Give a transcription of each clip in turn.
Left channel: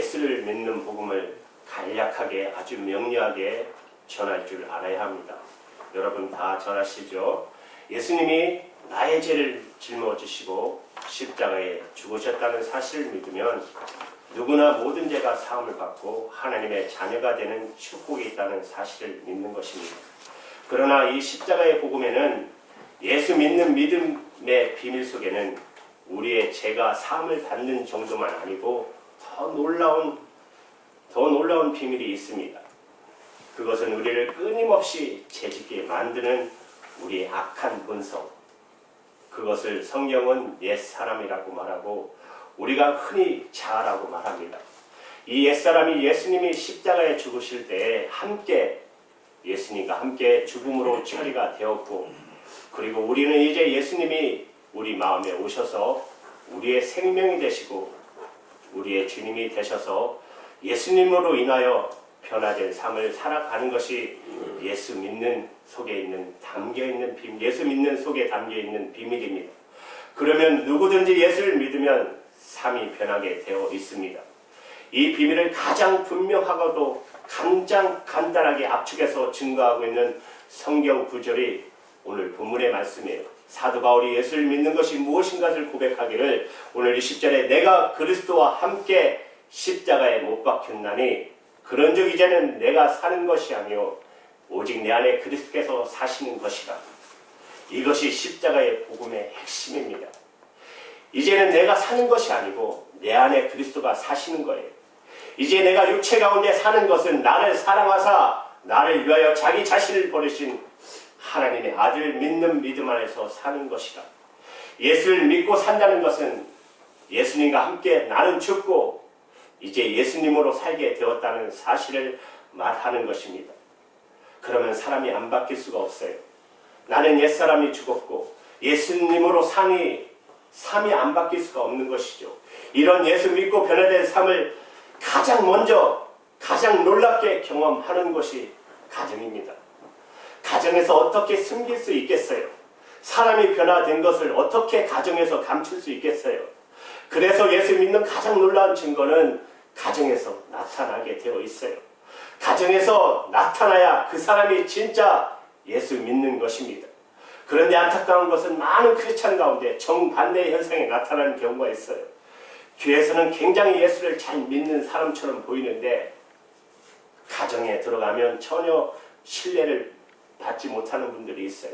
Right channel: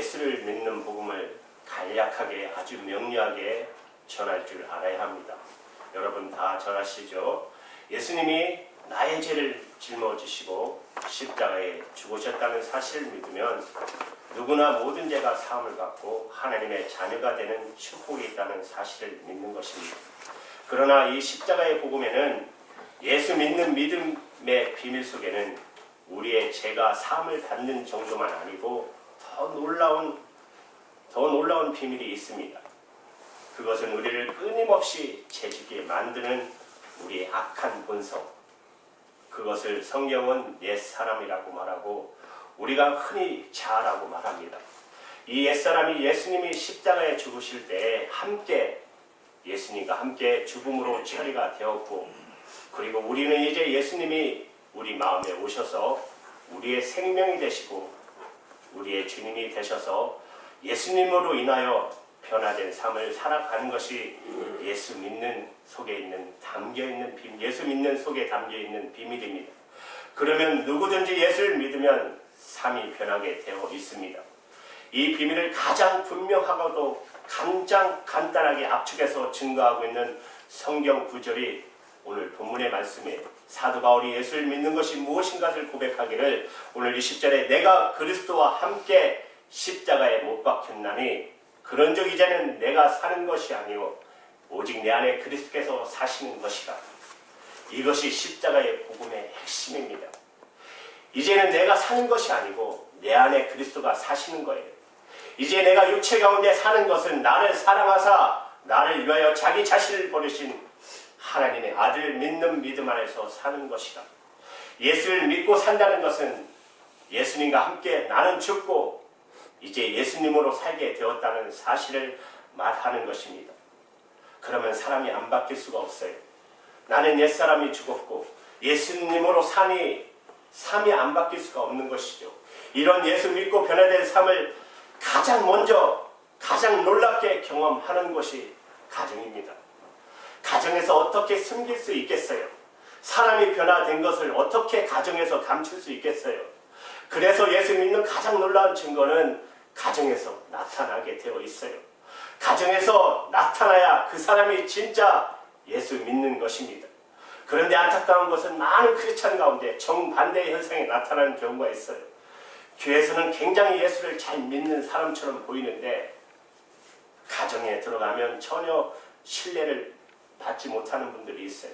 예수를 믿는 복음을 간략하게 아주 명료하게 전할 줄 알아야 합니다. 여러분 다 전하시죠? 예수님이 나의 죄를 짊어지시고 십자가에 죽으셨다는 사실을 믿으면 누구나 모든 죄가 사함을 받고 하나님의 자녀가 되는 축복이 있다는 사실을 믿는 것입니다. 그러나 이 십자가의 복음에는 예수 믿는 믿음의 비밀 속에는 우리의 죄가 사함을 받는 정도만 아니고 더 놀라운 비밀이 있습니다. 그것은 우리를 끊임없이 죄짓게 만드는 우리 악한 본성, 그것을 성경은 옛사람이라고 말하고 우리가 흔히 자아라고 말합니다. 이 옛사람이 예수님이 십자가에 죽으실 때에 함께 예수님과 함께 죽음으로 처리가 되었고, 그리고 우리는 이제 예수님이 우리 마음에 오셔서 우리의 생명이 되시고 우리의 주님이 되셔서 예수님으로 인하여 변화된 삶을 살아가는 것이 예수 믿는 속에 담겨있는 비밀, 예수 믿는 속에 담겨있는 비밀입니다. 그러면 누구든지 예수를 믿으면 삶이 변하게 되어 있습니다. 이 비밀을 가장 분명하고도 가장 간단하게 압축해서 증거하고 있는 성경 구절이 오늘 본문의 말씀이에요. 사도 바울이 예수를 믿는 것이 무엇인가를 고백하기를 오늘 20절에 내가 그리스도와 함께 십자가에 못 박혔나니 그런즉 이제는 내가 사는 것이 아니요 오직 내 안에 그리스도께서 사시는 것이다. 이것이 십자가의 복음의 핵심입니다. 이제는 내가 사는 것이 아니고 내 안에 그리스도가 사시는 거예요. 이제 내가 육체 가운데 사는 것은 나를 사랑하사 나를 위하여 자기 자신을 버리신 하나님의 아들 믿는 믿음 안에서 사는 것이다. 예수를 믿고 산다는 것은 예수님과 함께 나는 죽고 이제 예수님으로 살게 되었다는 사실을 말하는 것입니다. 그러면 사람이 안 바뀔 수가 없어요. 나는 옛사람이 죽었고 예수님으로 사니 삶이 안 바뀔 수가 없는 것이죠. 이런 예수 믿고 변화된 삶을 가장 먼저 가장 놀랍게 경험하는 것이 가정입니다. 가정에서 어떻게 숨길 수 있겠어요? 사람이 변화된 것을 어떻게 가정에서 감출 수 있겠어요? 그래서 예수 믿는 가장 놀라운 증거는 가정에서 나타나게 되어 있어요. 가정에서 나타나야 그 사람이 진짜 예수 믿는 것입니다. 그런데 안타까운 것은 많은 크리스찬 가운데 정반대의 현상이 나타나는 경우가 있어요. 교회에서는 굉장히 예수를 잘 믿는 사람처럼 보이는데 가정에 들어가면 전혀 신뢰를 받지 못하는 분들이 있어요.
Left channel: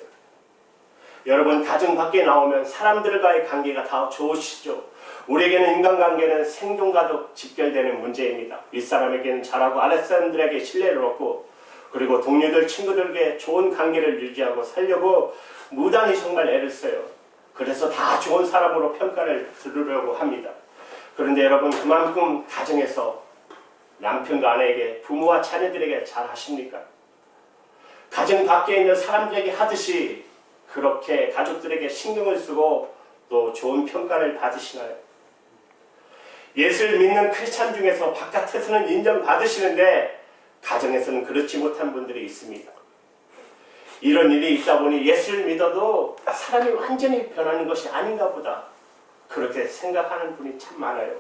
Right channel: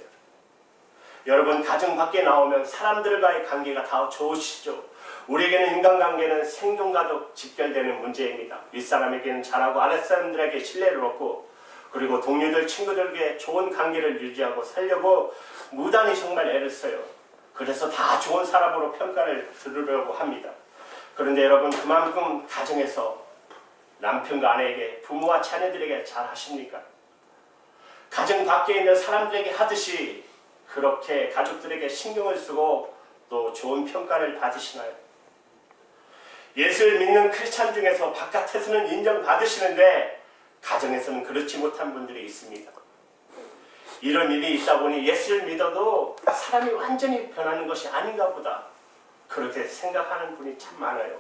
여러분, 가정 밖에 나오면 사람들과의 관계가 다 좋으시죠. 우리에게는 인간관계는 생존과도 직결되는 문제입니다. 윗사람에게는 잘하고 아랫사람들에게 신뢰를 얻고 그리고 동료들, 친구들에게 좋은 관계를 유지하고 살려고 무단히 정말 애를 써요. 그래서 다 좋은 사람으로 평가를 들으려고 합니다. 그런데 여러분, 그만큼 가정에서 남편과 아내에게, 부모와 자녀들에게 잘 하십니까? 가정 밖에 있는 사람들에게 하듯이 그렇게 가족들에게 신경을 쓰고 또 좋은 평가를 받으시나요? 예수를 믿는 크리스찬 중에서 바깥에서는 인정받으시는데 가정에서는 그렇지 못한 분들이 있습니다. 이런 일이 있다 보니 예수를 믿어도 사람이 완전히 변하는 것이 아닌가 보다 그렇게 생각하는 분이 참 많아요.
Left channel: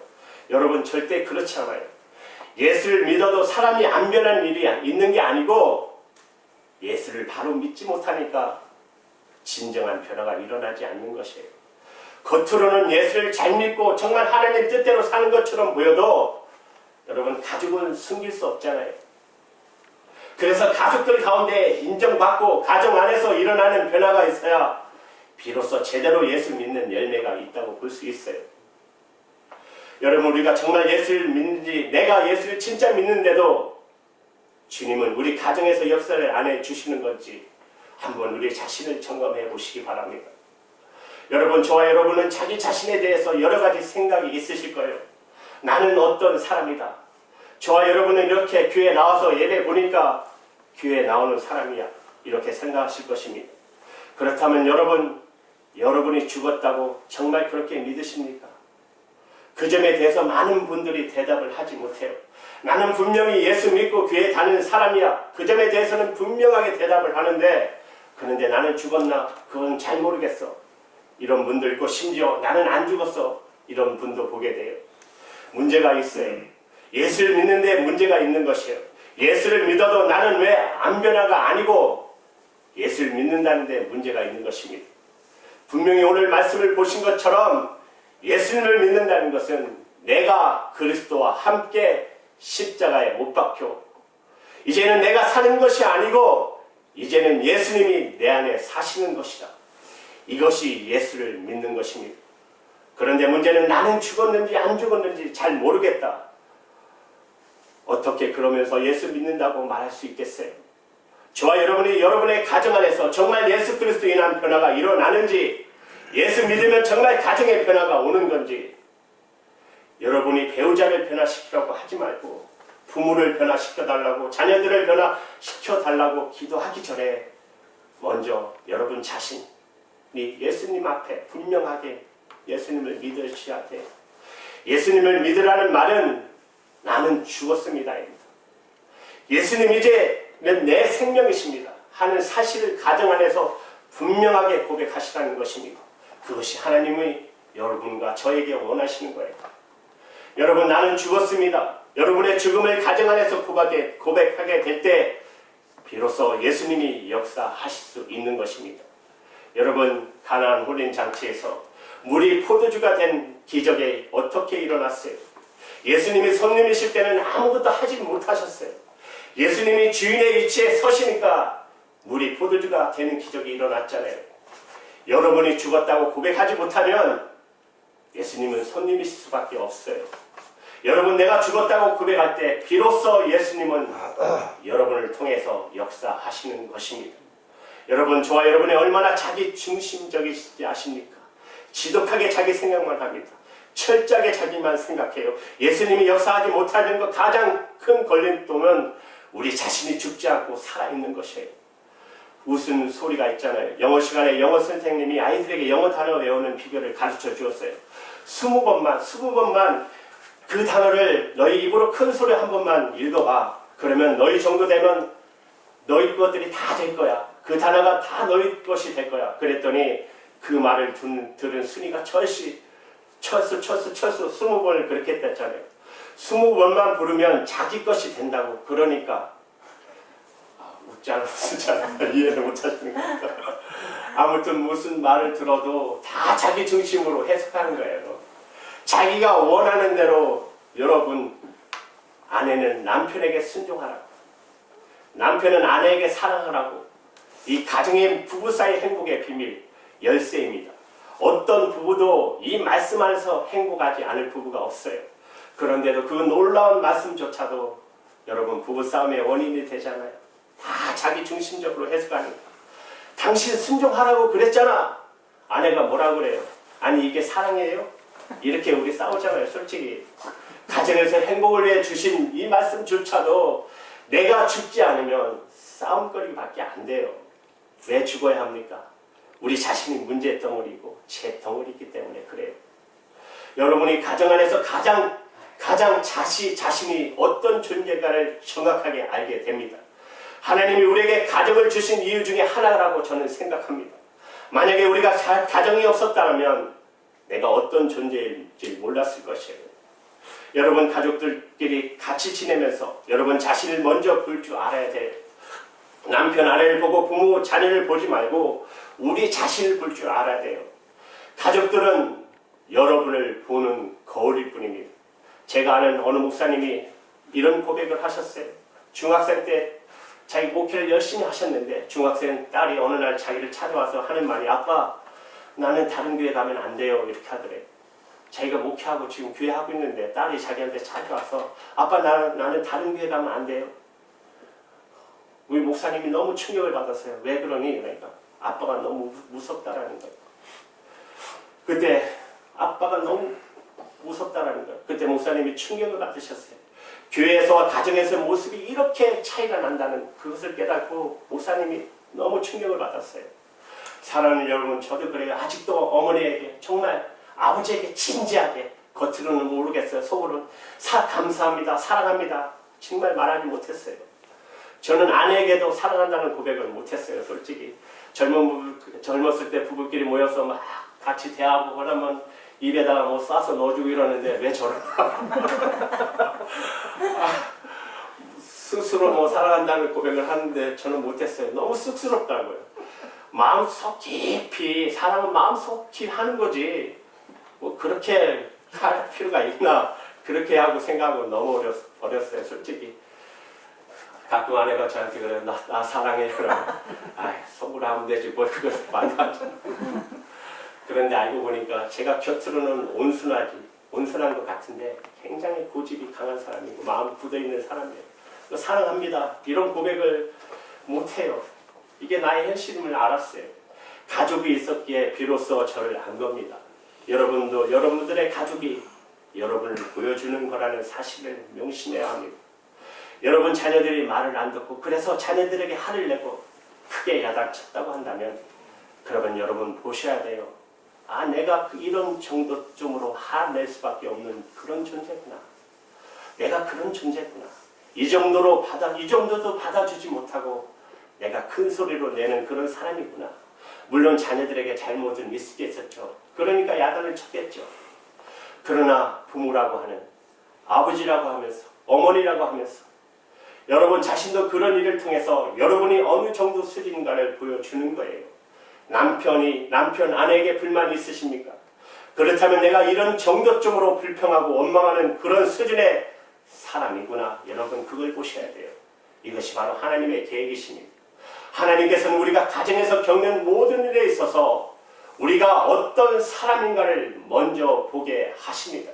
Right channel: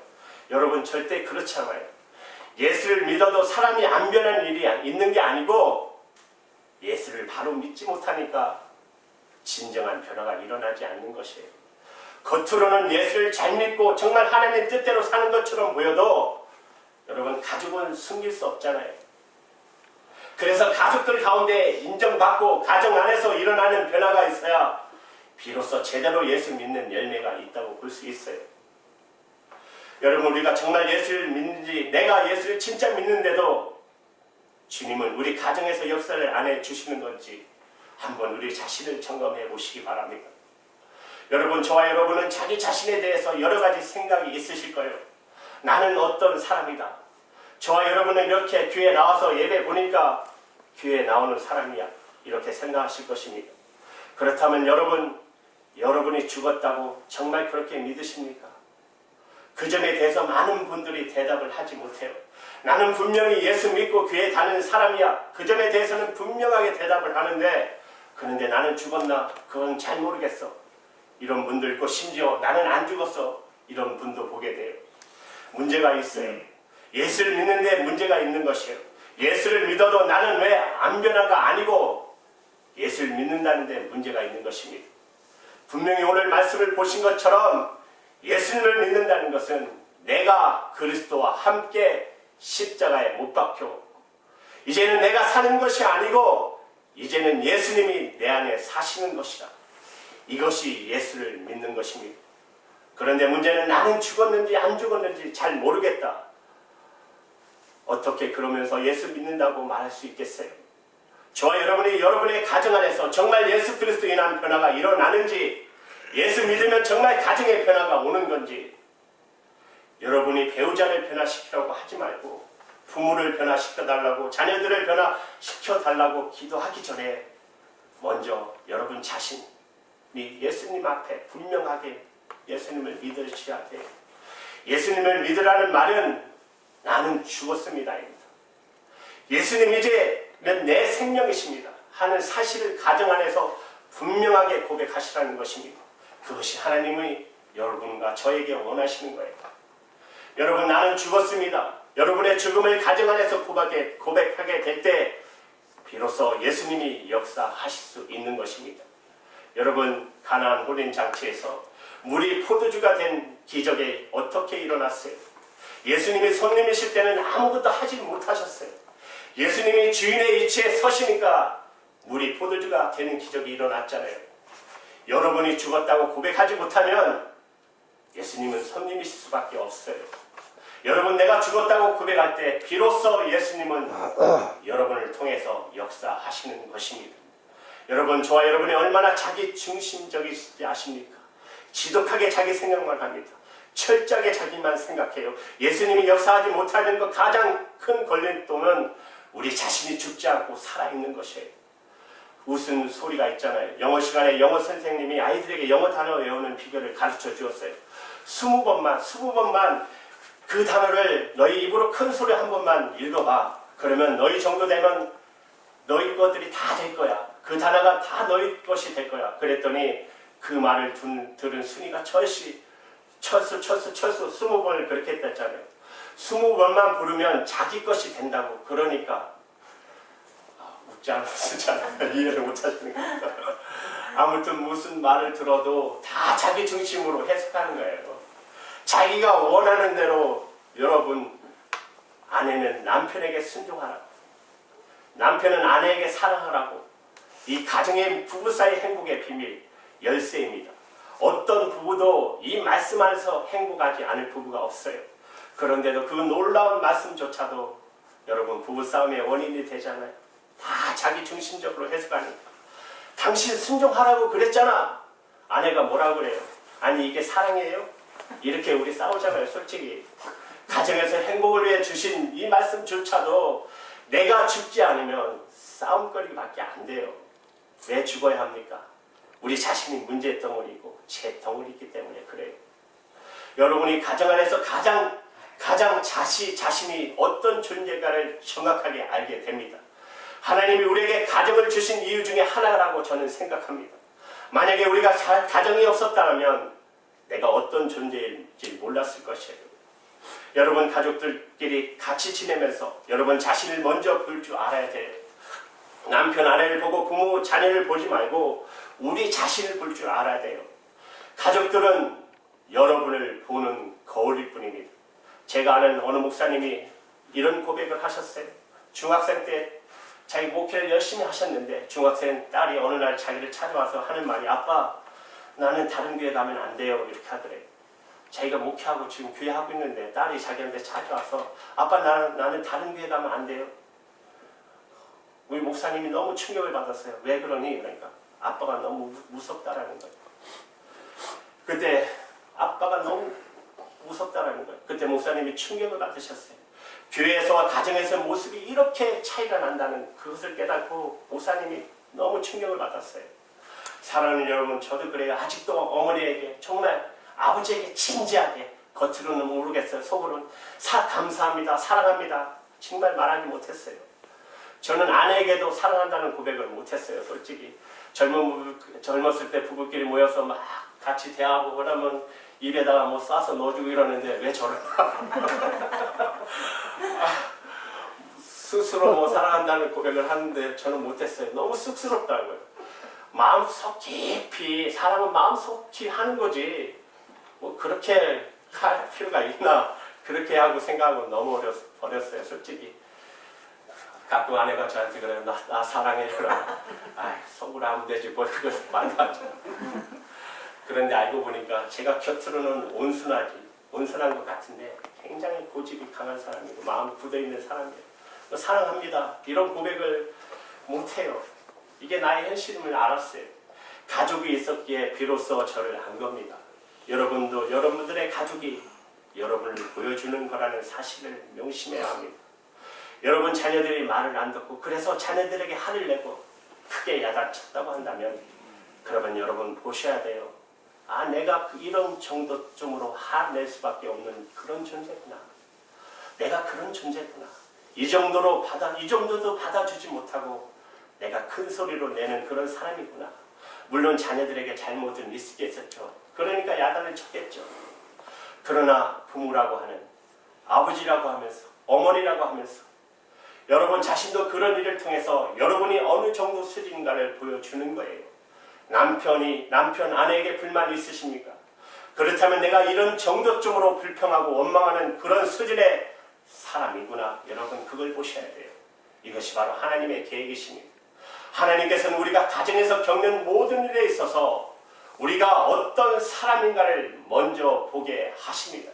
여러분, 절대 그렇지 않아요. 예수를 믿어도 사람이 안 변하는 일이 있는 게 아니고 예수를 바로 믿지 못하니까 진정한 변화가 일어나지 않는 것이에요. 겉으로는 예수를 잘 믿고 정말 하나님 뜻대로 사는 것처럼 보여도 여러분, 가족은 숨길 수 없잖아요. 그래서 가족들 가운데 인정받고 가정 안에서 일어나는 변화가 있어야 비로소 제대로 예수 믿는 열매가 있다고 볼 수 있어요. 여러분, 우리가 정말 예수를 믿는지, 내가 예수를 진짜 믿는데도 주님은 우리 가정에서 역사를 안 해주시는 건지 한번 우리 자신을 점검해 보시기 바랍니다. 여러분, 저와 여러분은 자기 자신에 대해서 여러 가지 생각이 있으실 거예요. 나는 어떤 사람이다. 저와 여러분은 이렇게 교회에 나와서 예배 보니까 교회에 나오는 사람이야, 이렇게 생각하실 것입니다. 그렇다면 여러분이 죽었다고 정말 그렇게 믿으십니까? 그 점에 대해서 많은 분들이 대답을 하지 못해요. 나는 분명히 예수 믿고 교회에 다니는 사람이야. 그 점에 대해서는 분명하게 대답을 하는데 그런데 나는 죽었나? 그건 잘 모르겠어. 이런 분도 있고 심지어 나는 안 죽었어. 이런 분도 보게 돼요. 문제가 있어요. 예수를 믿는데 문제가 있는 것이에요. 예수를 믿어도 나는 왜 안 변화가 아니고 예수를 믿는다는데 문제가 있는 것입니다. 분명히 오늘 말씀을 보신 것처럼 예수님을 믿는다는 것은 내가 그리스도와 함께 십자가에 못 박혀 이제는 내가 사는 것이 아니고 이제는 예수님이 내 안에 사시는 것이다. 이것이 예수를 믿는 것입니다. 그런데 문제는 나는 죽었는지 안 죽었는지 잘 모르겠다. 어떻게 그러면서 예수 믿는다고 말할 수 있겠어요? 저와 여러분이 여러분의 가정 안에서 정말 예수 그리스도로 인한 변화가 일어나는지, 예수 믿으면 정말 가정의 변화가 오는 건지, 여러분이 배우자를 변화시키려고 하지 말고 부모를 변화시켜달라고, 자녀들을 변화시켜달라고 기도하기 전에 먼저 여러분 자신이 예수님 앞에 분명하게 예수님을 믿으셔야 돼요. 예수님을 믿으라는 말은 나는 죽었습니다입니다. 예수님 이제는 내 생명이십니다 하는 사실을 가정 안에서 분명하게 고백하시라는 것입니다. 그것이 하나님의 여러분과 저에게 원하시는 거예요. 여러분, 나는 죽었습니다. 여러분의 죽음을 가정 안에서 고백하게 될 때 비로소 예수님이 역사하실 수 있는 것입니다. 여러분, 가나안 혼인 장치에서 물이 포도주가 된 기적이 어떻게 일어났어요? 예수님이 손님이실 때는 아무것도 하지 못하셨어요. 예수님이 주인의 위치에 서시니까 물이 포도주가 되는 기적이 일어났잖아요. 여러분이 죽었다고 고백하지 못하면 예수님은 손님이실 수밖에 없어요. 여러분, 내가 죽었다고 고백할 때 비로소 예수님은 여러분을 통해서 역사하시는 것입니다. 여러분, 저와 여러분이 얼마나 자기 중심적이시지 아십니까? 지독하게 자기 생각만 합니다. 철저하게 자기만 생각해요. 예수님이 역사하지 못하는 것 가장 큰 걸림돌은 우리 자신이 죽지 않고 살아있는 것이에요. 무슨 소리가 있잖아요. 영어 시간에 영어 선생님이 아이들에게 영어 단어 외우는 비결을 가르쳐 주었어요. 20번만 그 단어를 너희 입으로 큰 소리 한 번만 읽어봐. 그러면 너희 정도 되면 너희 것들이 다 될 거야. 그 단어가 다 너희 것이 될 거야. 그랬더니 그 말을 들은 순이가 철수 20번을 그렇게 했잖아요. 20번만 부르면 자기 것이 된다고. 그러니까 웃지 않았잖아. 이해를 못하시는 것 같아. 아무튼 무슨 말을 들어도 다 자기 중심으로 해석하는 거예요. 자기가 원하는 대로. 여러분, 아내는 남편에게 순종하라고, 남편은 아내에게 사랑하라고. 이 가정의 부부 사이 행복의 비밀 열쇠입니다. 어떤 부부도 이 말씀 안에서 행복하지 않을 부부가 없어요. 그런데도 그 놀라운 말씀조차도 여러분 부부싸움의 원인이 되잖아요. 다 자기 중심적으로 해석하는 거예요. 당신 순종하라고 그랬잖아. 아내가 뭐라 그래요? 아니, 이게 사랑이에요? 이렇게 우리 싸우잖아요. 솔직히 가정에서 행복을 위해 주신 이 말씀조차도 내가 죽지 않으면 싸움거리밖에 안 돼요. 왜 죽어야 합니까? 우리 자신이 문제의 덩어리고 제 덩어리이기 때문에 그래요. 여러분이 가정 안에서 가장 자신이 어떤 존재인가를 정확하게 알게 됩니다. 하나님이 우리에게 가정을 주신 이유 중에 하나라고 저는 생각합니다. 만약에 우리가 가정이 없었다면 내가 어떤 존재인지 몰랐을 것이에요. 여러분, 가족들끼리 같이 지내면서 여러분 자신을 먼저 볼 줄 알아야 돼요. 남편, 아내를 보고 부모, 자녀를 보지 말고 우리 자신을 볼 줄 알아야 돼요. 가족들은 여러분을 보는 거울일 뿐입니다. 제가 아는 어느 목사님이 이런 고백을 하셨어요. 중학생 때 자기 목회를 열심히 하셨는데 중학생 딸이 어느 날 자기를 찾아와서 하는 말이, 아빠, 나는 다른 교회 가면 안 돼요. 이렇게 하더래요. 자기가 목회하고 지금 교회 하고 있는데 딸이 자기한테 찾아와서, 아빠, 나는 다른 교회 가면 안 돼요. 우리 목사님이 너무 충격을 받았어요. 왜 그러니? 그러니까 아빠가 너무 무섭다라는 거예요. 그때 아빠가 너무 무섭다라는 거예요. 그때 목사님이 충격을 받으셨어요. 교회에서와 가정에서 모습이 이렇게 차이가 난다는 그것을 깨닫고 목사님이 너무 충격을 받았어요. 사랑하는 여러분, 저도 그래요. 아직도 어머니에게, 정말 아버지에게 진지하게, 겉으로는 모르겠어요. 속으로는 감사합니다, 사랑합니다, 정말 말하지 못했어요. 저는 아내에게도 사랑한다는 고백을 못했어요. 솔직히 젊었을 때 부부끼리 모여서 막 같이 대하고 그러면 입에다가 뭐 싸서 넣어주고 이러는데 왜 저러나. 스스로 뭐 사랑한다는 고백을 하는데 저는 못했어요. 너무 쑥스럽다고요. 마음속 깊이 사랑은 마음속 깊이 하는 거지 뭐 그렇게 할 필요가 있나 그렇게 하고 생각하고 넘어버렸어요. 솔직히 가끔 아내가 저한테 그래요. 나 사랑해. 그러면 속으로 하면 되지 뭘 그걸 말도 안 하잖아. 그런데 알고 보니까 제가 겉으로는 온순한 것 같은데 굉장히 고집이 강한 사람이고 마음 굳어있는 사람이에요. 사랑합니다. 이런 고백을 못해요. 이게 나의 현실임을 알았어요. 가족이 있었기에 비로소 저를 안 겁니다. 여러분도 여러분들의 가족이 여러분을 보여주는 거라는 사실을 명심해야 합니다. 여러분 자녀들이 말을 안 듣고 그래서 자녀들에게 화를 내고 크게 야단쳤다고 한다면 그러면 여러분 보셔야 돼요. 내가 이런 정도쯤으로 화낼 수밖에 없는 그런 존재구나. 내가 그런 존재구나. 이 정도도 받아주지 못하고 내가 큰 소리로 내는 그런 사람이구나. 물론 자녀들에게 잘못은 있겠었죠. 그러니까 야단을 쳤겠죠. 그러나 부모라고 하는 아버지라고 하면서 어머니라고 하면서 여러분 자신도 그런 일을 통해서 여러분이 어느 정도 수준인가를 보여주는 거예요. 남편 아내에게 불만 있으십니까? 그렇다면 내가 이런 정도쯤으로 불평하고 원망하는 그런 수준의 사람이구나. 여러분 그걸 보셔야 돼요. 이것이 바로 하나님의 계획이십니다. 하나님께서는 우리가 가정에서 겪는 모든 일에 있어서 우리가 어떤 사람인가를 먼저 보게 하십니다.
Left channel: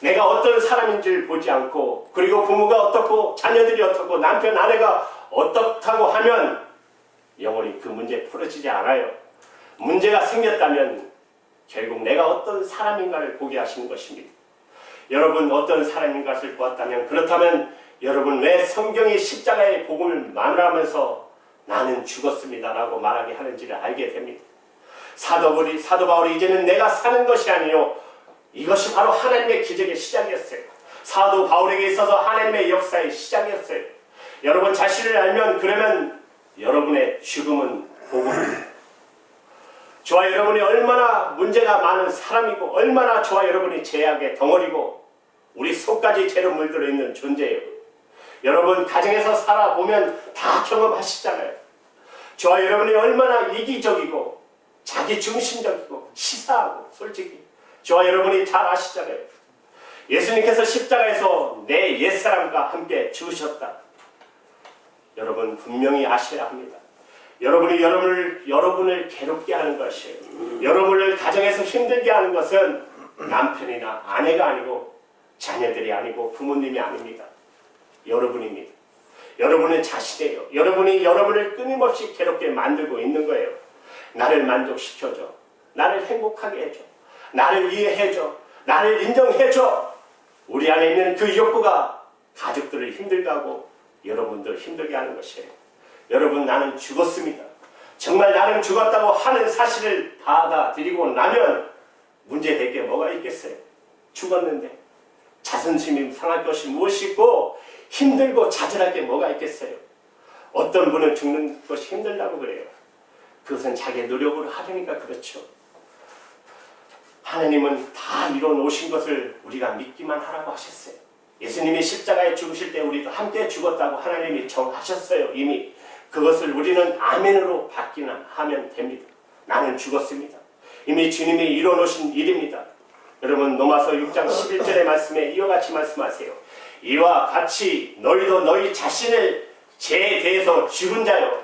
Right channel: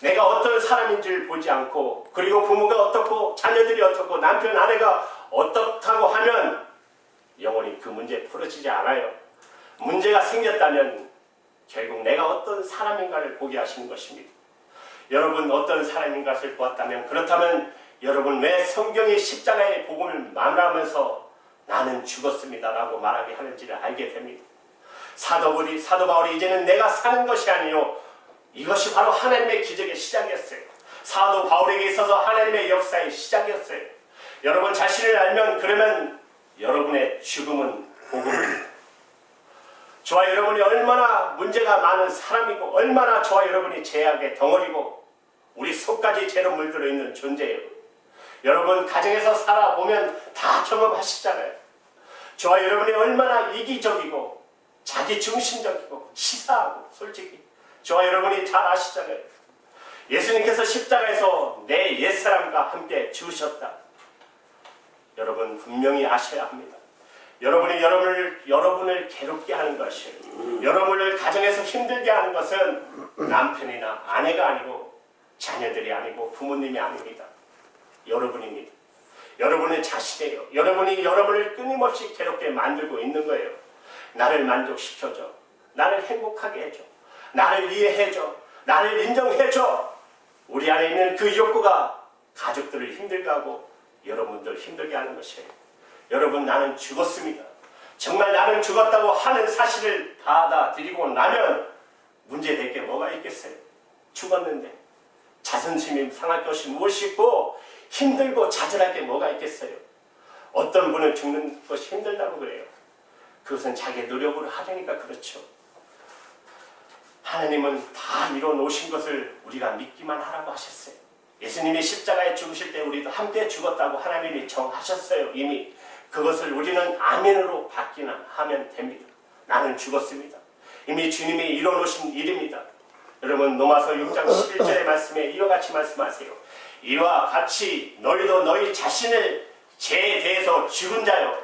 내가 어떤 사람인지를 보지 않고 그리고 부모가 어떻고 자녀들이 어떻고 남편 아내가 어떻다고 하면 영원히 그 문제 풀어지지 않아요. 문제가 생겼다면 결국 내가 어떤 사람인가를 보게 하시는 것입니다. 여러분 어떤 사람인 것을 보았다면 그렇다면 여러분 왜 성경의 십자가의 복음을 만회하면서 나는 죽었습니다 라고 말하게 하는지를 알게 됩니다. 사도 바울이 이제는 내가 사는 것이 아니요 이것이 바로 하나님의 기적의 시작이었어요. 사도 바울에게 있어서 하나님의 역사의 시작이었어요. 여러분 자신을 알면 그러면 여러분의 죽음은 복음입니다. 저와 여러분이 얼마나 문제가 많은 사람이고 얼마나 저와 여러분이 죄악의 덩어리고 우리 속까지 죄로 물들어 있는 존재예요. 여러분 가정에서 살아보면 다 경험하시잖아요. 저와 여러분이 얼마나 이기적이고 자기중심적이고 치사하고 솔직히 저와 여러분이 잘 아시잖아요. 예수님께서 십자가에서 내 옛사람과 함께 죽으셨다. 여러분 분명히 아셔야 합니다. 여러분이 여러분을 괴롭게 하는 것이에요. 여러분을 가정에서 힘들게 하는 것은 남편이나 아내가 아니고 자녀들이 아니고 부모님이 아닙니다. 여러분입니다. 여러분은 자신이에요. 여러분이 여러분을 끊임없이 괴롭게 만들고 있는 거예요. 나를 만족시켜줘. 나를 행복하게 해줘. 나를 이해해줘. 나를 인정해줘. 우리 안에 있는 그 욕구가 가족들을 힘들게 하고 여러분도 힘들게 하는 것이에요. 여러분 나는 죽었습니다. 정말 나는 죽었다고 하는 사실을 받아들이고 나면 문제될 게 뭐가 있겠어요. 죽었는데 자존심이 상할 것이 무엇이 있고 힘들고 좌절할 게 뭐가 있겠어요. 어떤 분은 죽는 것이 힘들다고 그래요. 그것은 자기 노력으로 하려니까 그렇죠. 하나님은 다 이뤄 놓으신 것을 우리가 믿기만 하라고 하셨어요. 예수님이 십자가에 죽으실 때 우리도 함께 죽었다고 하나님이 정하셨어요. 이미 그것을 우리는 아멘으로 받기는 하면 됩니다. 나는 죽었습니다. 이미 주님이 이뤄 놓으신 일입니다. 여러분 로마서 6장 11절의 말씀에 이와 같이 말씀하세요. 이와 같이 너희도 너희 자신을 죄에 대해서 죽은 자요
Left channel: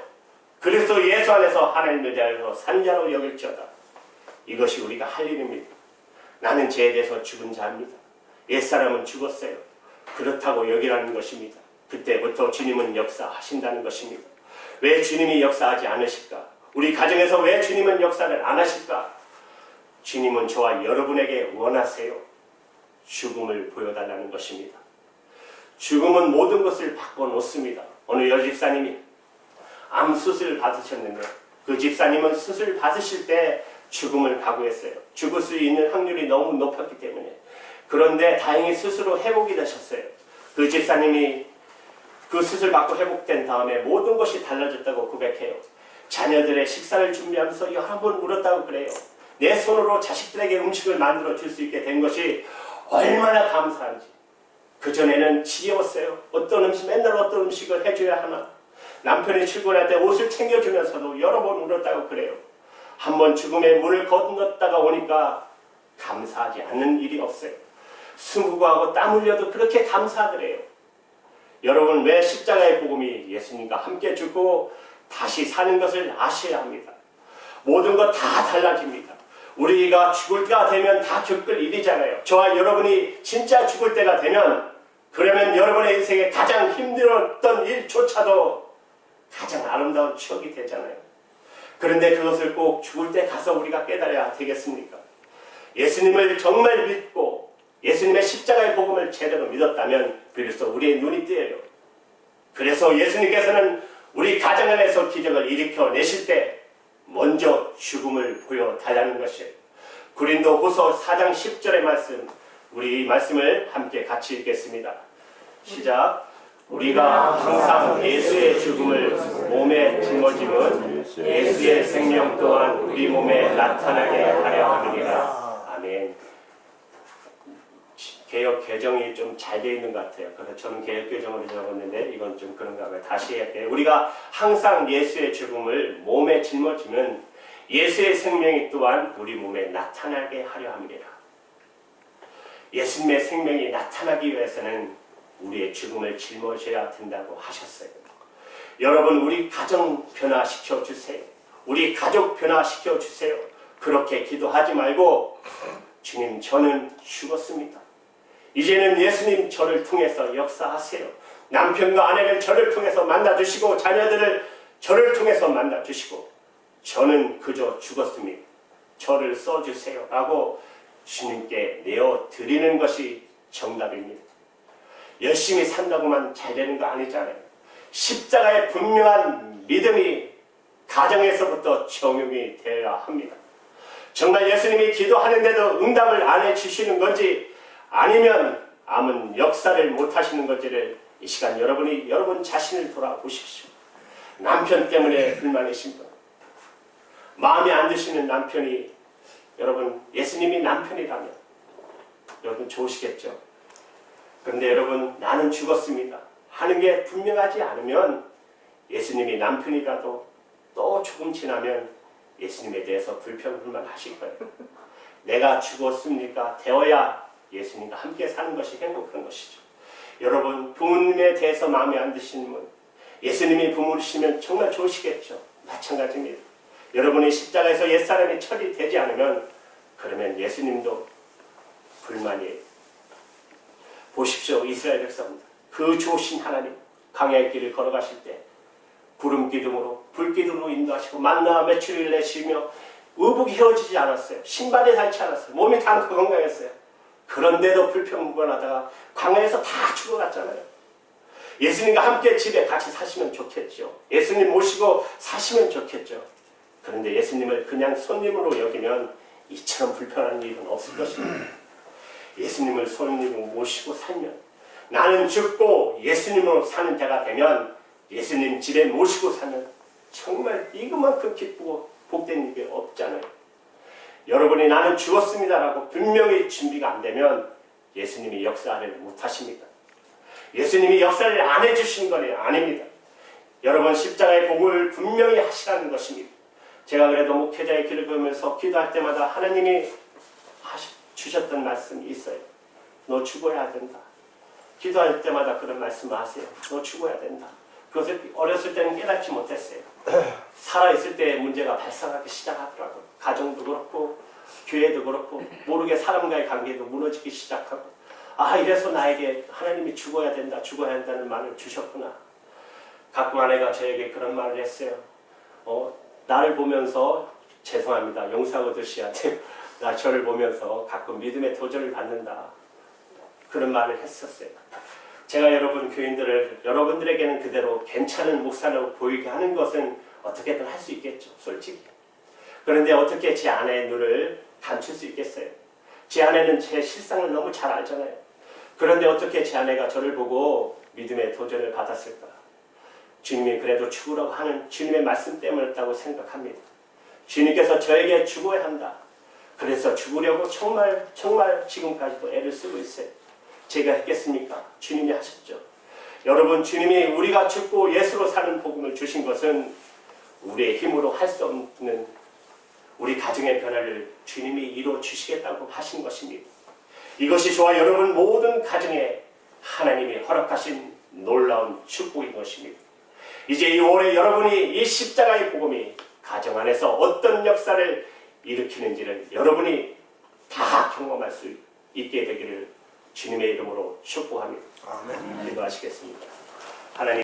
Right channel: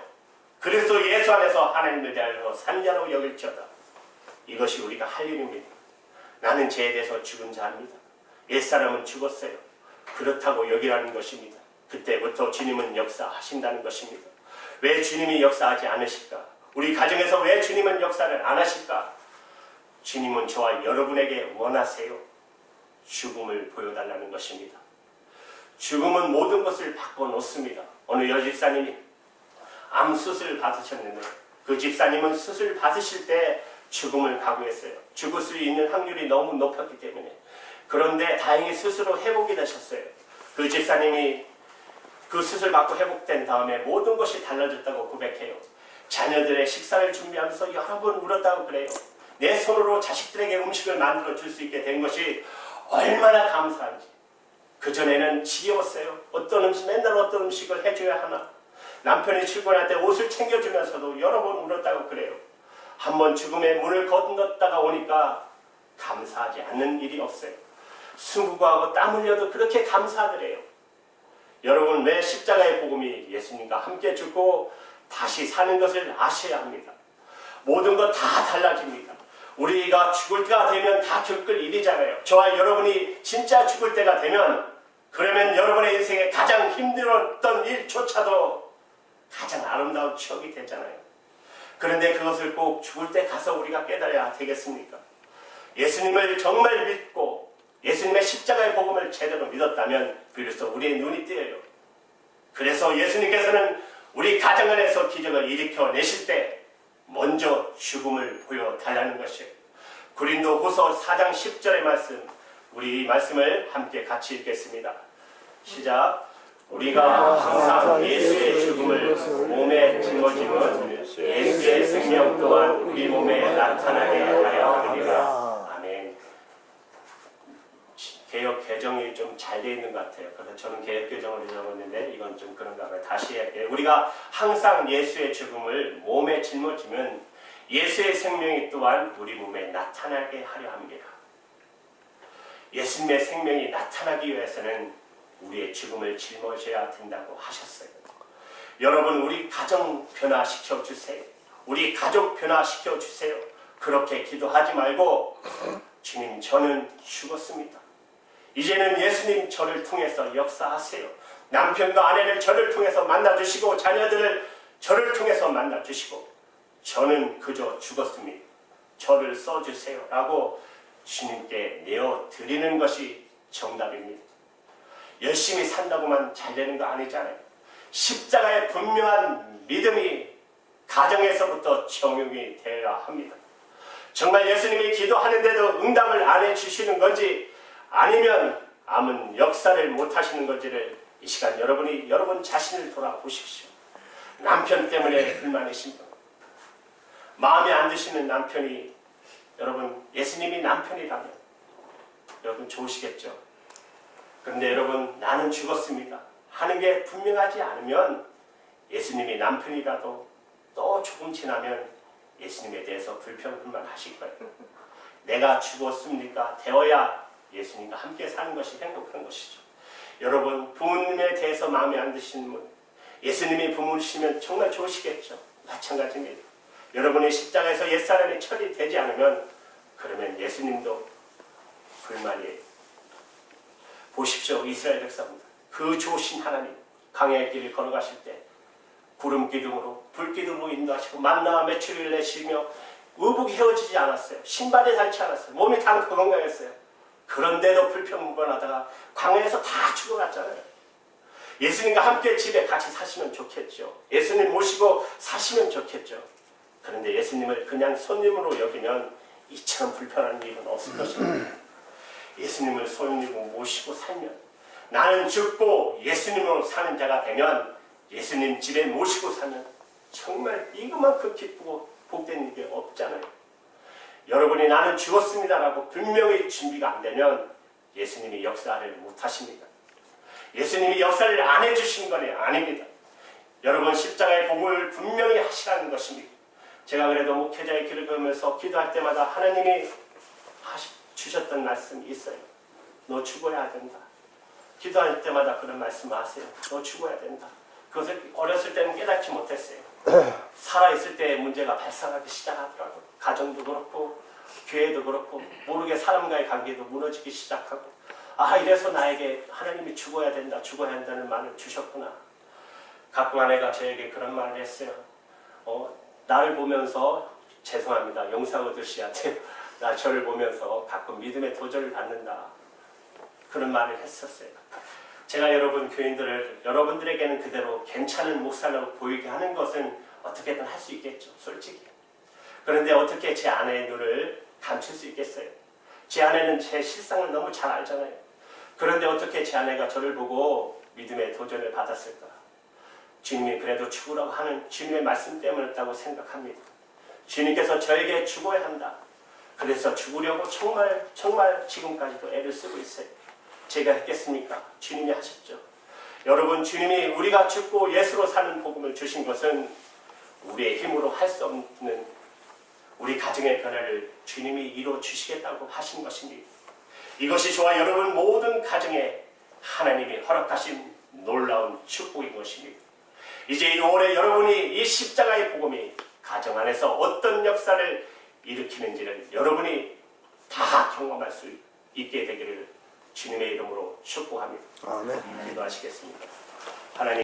그리스도 예수 안에서 하나님을 대하여 산 자로 여길지어다. 이것이 우리가 할 일입니다. 나는 죄에 대해서 죽은 자입니다. 옛사람은 죽었어요. 그렇다고 여기라는 것입니다. 그때부터 주님은 역사하신다는 것입니다. 왜 주님이 역사하지 않으실까? 우리 가정에서 왜 주님은 역사를 안 하실까? 주님은 저와 여러분에게 원하세요. 죽음을 보여달라는 것입니다. 죽음은 모든 것을 바꿔놓습니다. 어느 여집사님이 암 수술 받으셨는데 그 집사님은 수술 받으실 때 죽음을 각오했어요. 죽을 수 있는 확률이 너무 높았기 때문에. 그런데 다행히 스스로 회복이 되셨어요. 그 집사님이 그 수술 받고 회복된 다음에 모든 것이 달라졌다고 고백해요. 자녀들의 식사를 준비하면서 여러 번 울었다고 그래요. 내 손으로 자식들에게 음식을 만들어 줄 수 있게 된 것이 얼마나 감사한지. 그전에는 지겨웠어요. 맨날 어떤 음식을 해줘야 하나. 남편이 출근할 때 옷을 챙겨주면서도 여러 번 울었다고 그래요. 한번 죽음의 문을 건넜다가 오니까 감사하지 않는 일이 없어요. 수고하고 땀 흘려도 그렇게 감사하더래요. 여러분, 왜 십자가의 복음이 예수님과 함께 죽고 다시 사는 것을 아셔야 합니다. 모든 것 다 달라집니다. 우리가 죽을 때가 되면 다 겪을 일이잖아요. 저와 여러분이 진짜 죽을 때가 되면, 그러면 여러분의 인생에 가장 힘들었던 일조차도 가장 아름다운 추억이 되잖아요. 그런데 그것을 꼭 죽을 때 가서 우리가 깨달아야 되겠습니까? 예수님을 정말 믿고 예수님의 십자가의 복음을 제대로 믿었다면 비로소 우리의 눈이 띄어요. 그래서 예수님께서는 우리 가정 안에서 기적을 일으켜내실 때 먼저 죽음을 보여달라는 것이에요. 고린도후서 4장 10절의 말씀, 우리 이 말씀을 함께 같이 읽겠습니다. 시작. 우리가 항상 예수의 죽음을 몸에 짊어짐은 예수의 생명 또한 우리 몸에 나타나게 하려 함이니라. 아멘. 개역 개정이 좀 잘 되어 있는 것 같아요. 그래서 저는 개역 개정으로 적었는데 이건 좀 그런가 봐요. 다시 할게요. 우리가 항상 예수의 죽음을 몸에 짊어지면 예수의 생명이 또한 우리 몸에 나타나게 하려 함이니라. 예수님의 생명이 나타나기 위해서는 우리의 죽음을 짊어져야 된다고 하셨어요. 여러분, 우리 가정 변화시켜 주세요. 우리 가족 변화시켜 주세요. 그렇게 기도하지 말고, 주님, 저는 죽었습니다. 이제는 예수님 저를 통해서 역사하세요. 남편과 아내를 저를 통해서 만나주시고 자녀들을 저를 통해서 만나주시고 저는 그저 죽었습니다. 저를 써주세요 라고 주님께 내어드리는 것이 정답입니다. 열심히 산다고만 잘 되는 거 아니잖아요. 십자가의 분명한 믿음이 가정에서부터 적용이 되어야 합니다. 정말 예수님이 기도하는데도 응답을 안 해주시는 건지 아니면 아무 역사를 못하시는 건지를 이 시간 여러분 자신을 돌아보십시오. 남편 때문에 불만이신 분, 마음에 안 드시는 남편이 여러분 예수님이 남편이라면 여러분 좋으시겠죠. 그런데 여러분 나는 죽었습니다 하는 게 분명하지 않으면 예수님이 남편이라도 또 조금 지나면 예수님에 대해서 불평불만하실 거예요. 내가 죽었습니까? 되어야 예수님과 함께 사는 것이 행복한 것이죠. 여러분, 부모님에 대해서 마음에 안 드시는 분, 예수님이 부모시면 정말 좋으시겠죠. 마찬가지입니다. 여러분이 십자가에서 옛사람이 처리되지 않으면 그러면 예수님도 불만이에요. 보십시오. 이스라엘 백성들, 그 좋으신 하나님 광야의 길을 걸어가실 때 구름 기둥으로 불 기둥으로 인도하시고 만나와 메추리를 내시며 의복이 헤어지지 않았어요. 신발이 닳지 않았어요. 몸이 다 건강했어요. 그런데도 불평불만하다가 광야에서 다 죽어갔잖아요. 예수님과 함께 집에 같이 사시면 좋겠죠. 예수님 모시고 사시면 좋겠죠. 그런데 예수님을 그냥 손님으로 여기면 이처럼 불편한 일은 없을 것입니다. 예수님을 손님으로 모시고 살면, 나는 죽고 예수님으로 사는 자가 되면, 예수님 집에 모시고 사면 정말 이것만큼 기쁘고 복된 일이 없잖아요. 여러분이 나는 죽었습니다라고 분명히 준비가 안 되면 예수님이 역사를 못 하십니다. 예수님이 역사를 안 해주신 건 아닙니다. 여러분 십자가의 복음을 분명히 하시라는 것입니다. 제가 그래도 목회자의 길을 걸으면서 기도할 때마다 하나님이 주셨던 말씀이 있어요. 너 죽어야 된다. 기도할 때마다 그런 말씀을 하세요. 너 죽어야 된다. 그것을 어렸을 때는 깨닫지 못했어요. 살아있을 때 문제가 발생하기 시작하더라고요. 가정도 그렇고 교회도 그렇고 모르게 사람과의 관계도 무너지기 시작하고, 아 이래서 나에게 하나님이 죽어야 된다 죽어야 한다는 말을 주셨구나. 가끔 아내가 저에게 그런 말을 했어요. 나를 보면서 죄송합니다. 용서하고 드셔야돼요. 나 저를 보면서 가끔 믿음의 도전을 받는다. 그런 말을 했었어요. 제가 여러분 교인들을 여러분들에게는 그대로 괜찮은 목사라고 보이게 하는 것은 어떻게든 할 수 있겠죠. 솔직히. 그런데 어떻게 제 아내의 눈을 감출 수 있겠어요? 제 아내는 제 실상을 너무 잘 알잖아요. 그런데 어떻게 제 아내가 저를 보고 믿음의 도전을 받았을까? 주님이 그래도 죽으라고 하는 주님의 말씀 때문이었다고 생각합니다. 주님께서 저에게 죽어야 한다. 그래서 죽으려고 정말 지금까지도 애를 쓰고 있어요. 제가 했겠습니까? 주님이 하셨죠. 여러분, 주님이 우리가 죽고 예수로 사는 복음을 주신 것은 우리의 힘으로 할 수 없는 우리 가정의 변화를 주님이 이루어 주시겠다고 하신 것입니다. 이것이 저와 여러분 모든 가정에 하나님이 허락하신 놀라운 축복인 것입니다. 이제 이 올해 여러분이 이 십자가의 복음이 가정 안에서 어떤 역사를 일으키는지를 여러분이 다 경험할 수 있게 되기를 주님의 이름으로 축복합니다. 기도하시겠습니다. 하나님.